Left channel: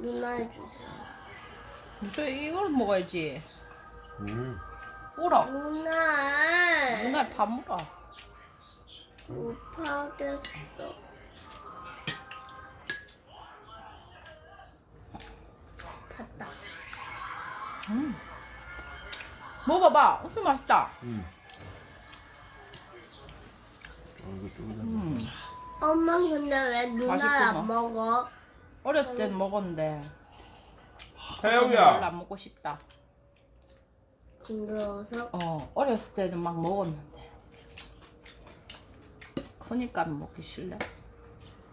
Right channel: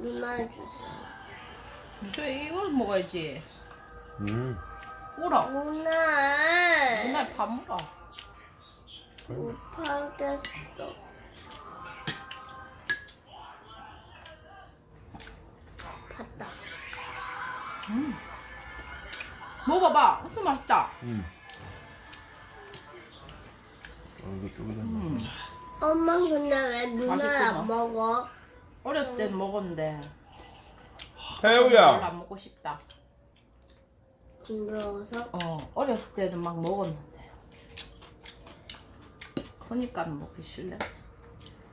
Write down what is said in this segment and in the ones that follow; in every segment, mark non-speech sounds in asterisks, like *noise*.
어. 음. 누나 주세요. 무슨 이걸 먹어야지. 음. 오라. 누나. 누나 밥 먹어. 못 하겠어. 봤다. 음. 먹어봐. 엄청 맛있다. 음. 어, 이거. 음. 엄마 근데 왜 누나 맛있구나. 안 먹어? 어렸을 땐 먹었는데 별로 태우야. 안 먹고 싶다. 징그러워서? 어 어렸을 때는 막 먹었는데 크니까 먹기 싫네.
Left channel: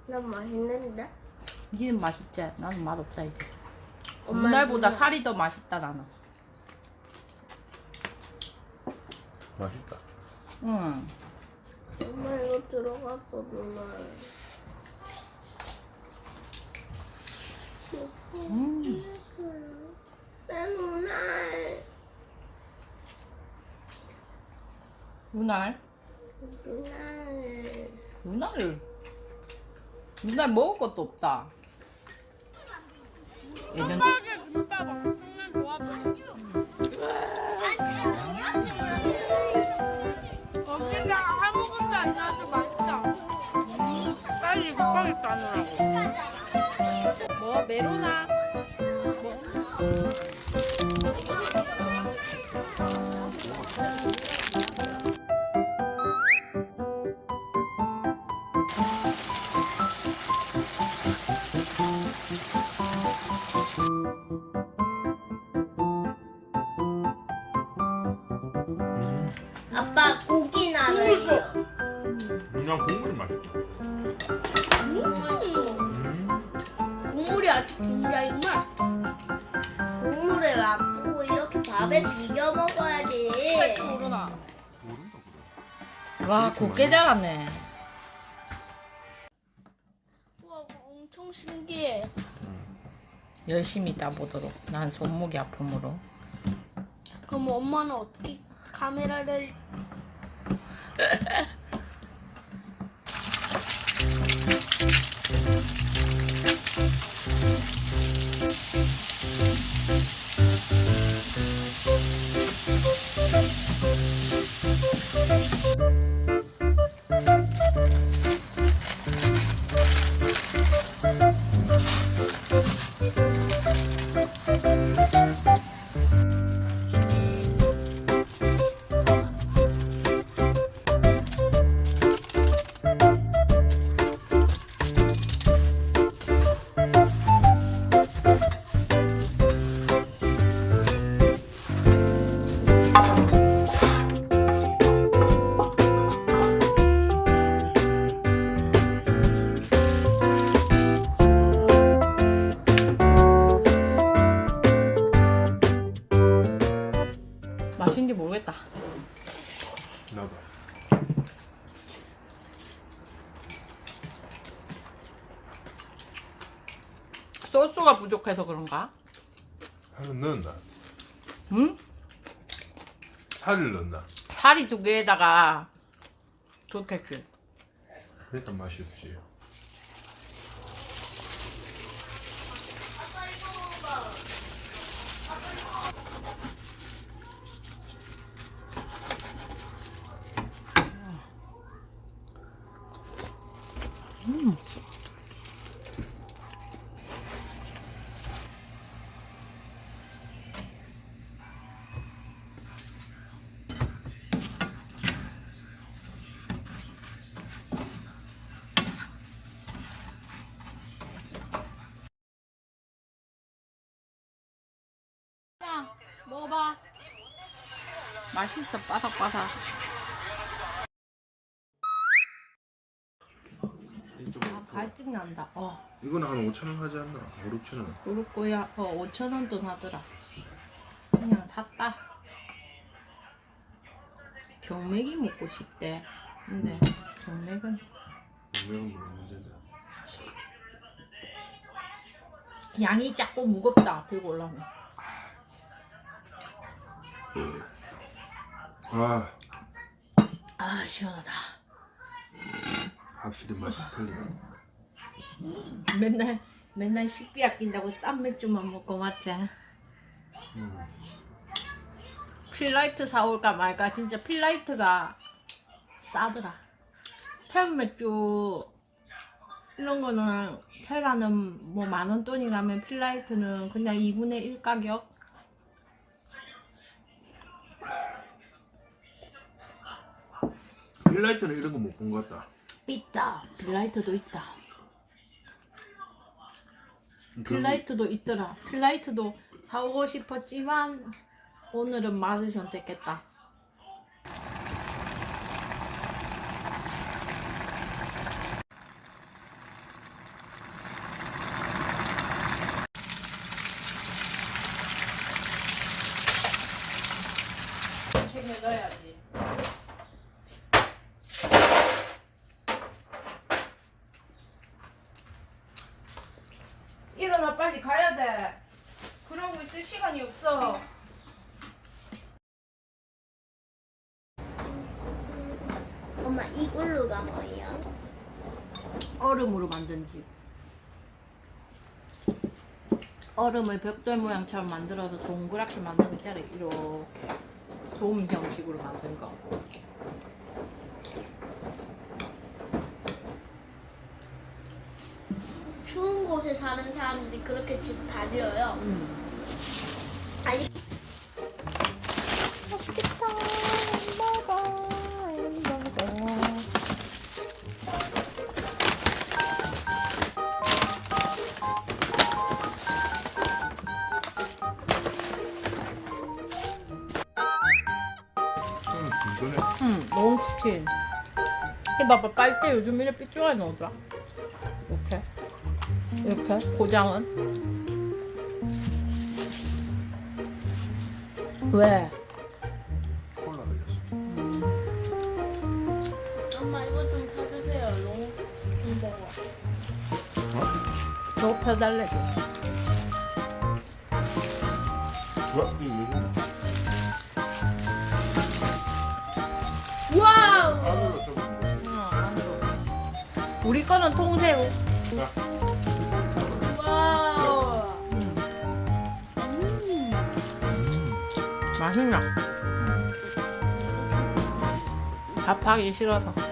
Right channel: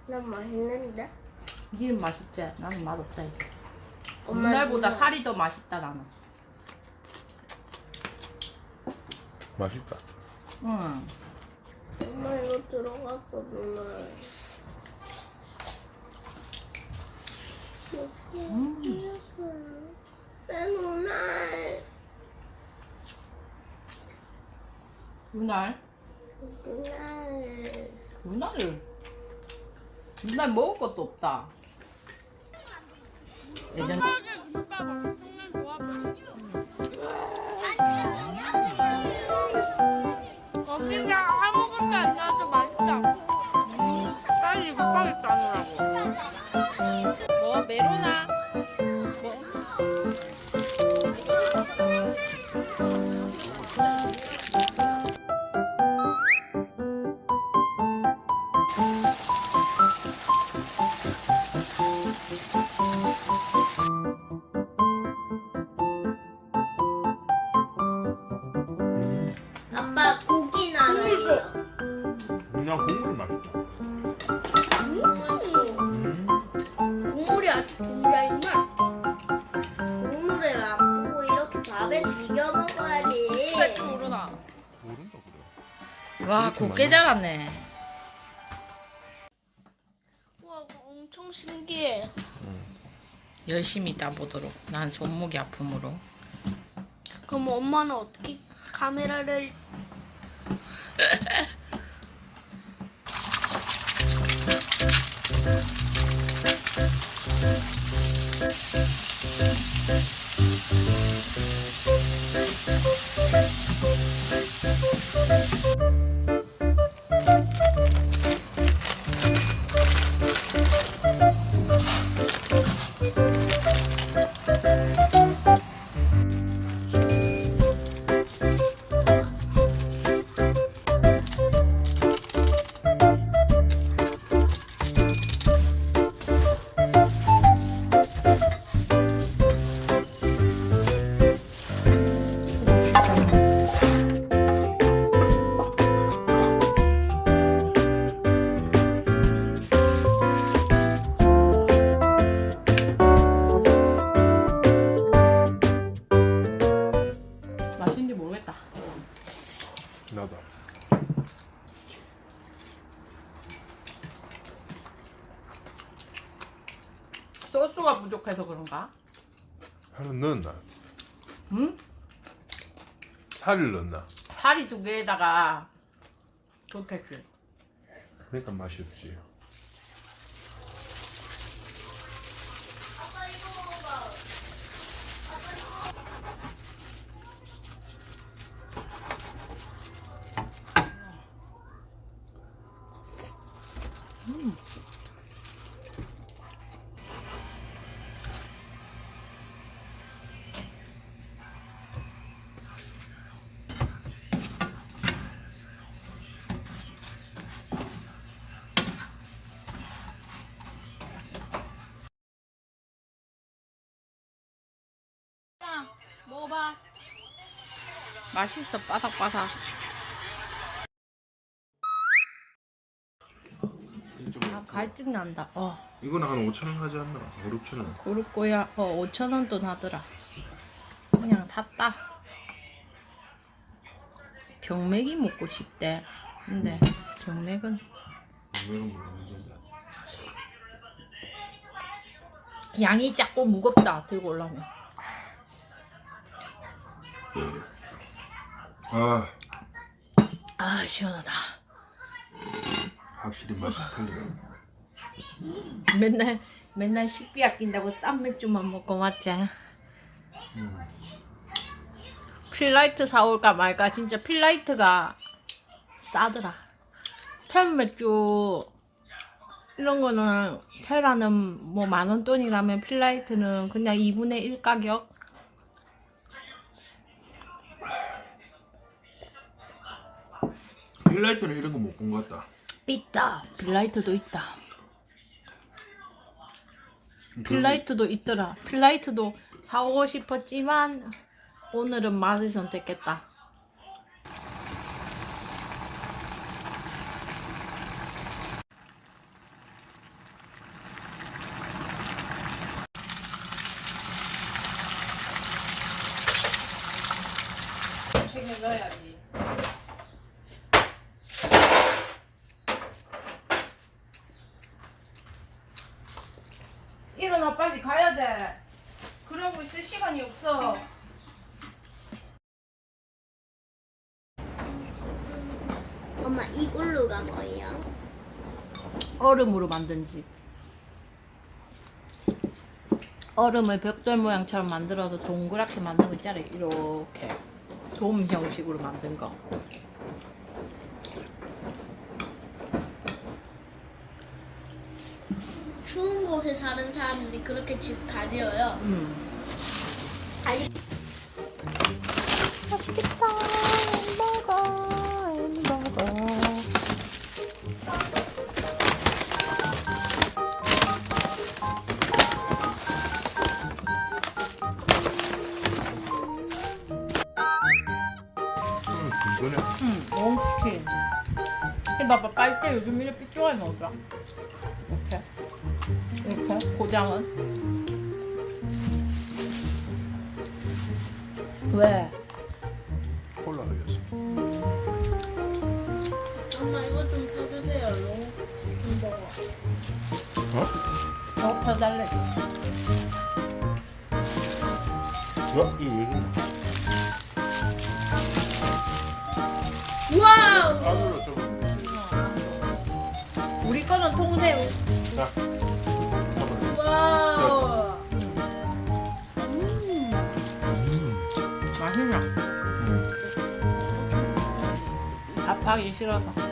난 맛있는데? 니는 맛있지? 나는 맛없다 이제. 엄마 옛날보다 누나. 살이 더 맛있다 나는. 맛있다. 응. 엄마 이거 들어갔어 누나. 누나. 누날 누나. 누날 누날 먹을 것도 없다. 예전 그냥 메로나 뭐 아빠 고기 나눠요. 그냥 국물 맛있다. 와 곱게 자랐네. 우와 엄청 신기해. 열심히 따보도록. 난 손목이 아픔으로. 그럼 엄마는 어떻게 카메라를 *laughs* 소스가 부족해서 그런가? 살을 넣었나? 응? 살을 넣었나? 살이 두 개에다가 좋겠지 그러니까 맛이 없지. 먹어봐. 맛있어 바삭바삭. 아, 갈증 난다. 어. 이거는 한 5천 원 하지 않나? 5, 6천 원. 거야. 어 5천 원 돈 하더라. 그냥 샀다. 병맥이 먹고 싶대. 근데 병맥은 문제다. 양이 작고 무겁다 들고 올라면 아, 아 시원하다 확실히 맛이 틀리네. 맨날 맨날 식비 아낀다고 싼 맥주만 먹고 맞지? 음. 필라이트 사올까 말까 진짜 필라이트가 싸더라. 템 맥주 이런 거는 테라는 뭐 만원 돈이라면 필라이트는 그냥 2분의 1 가격. 필라이트는 이런 거 못 본 것 같다. 있다. 필라이트도 있다. 그 필라이트도 있더라. 필라이트도 사오고 싶었지만 오늘은 맛을 선택했다. 챙겨 넣어야지. 일어나 빨리 가야 돼. 그러고 있을 시간이 없어. 엄마 이걸로가 뭐예요? 얼음으로 만든 집. 얼음을 벽돌 모양처럼 만들어서 동그랗게 만든 거 있잖아. 이렇게 돔 형식으로 만든 거. 곳에 사는 사람들이 그렇게 집 다려요. 음. 다리 맛있겠다. 음, 이거네. 응, 너무 치킨. 봐봐, 빨대 요즘 이래 삐뚤어 나오더라. 이렇게. 고장은. 왜? 콜라 흘렸어. 엄마 이거 좀 펴주세요. 너무 무거워. 더 펴달래. 와, 이거 왜 저래? 와우! 좀. 우리 거는 통새우. 자, 하기 싫어서.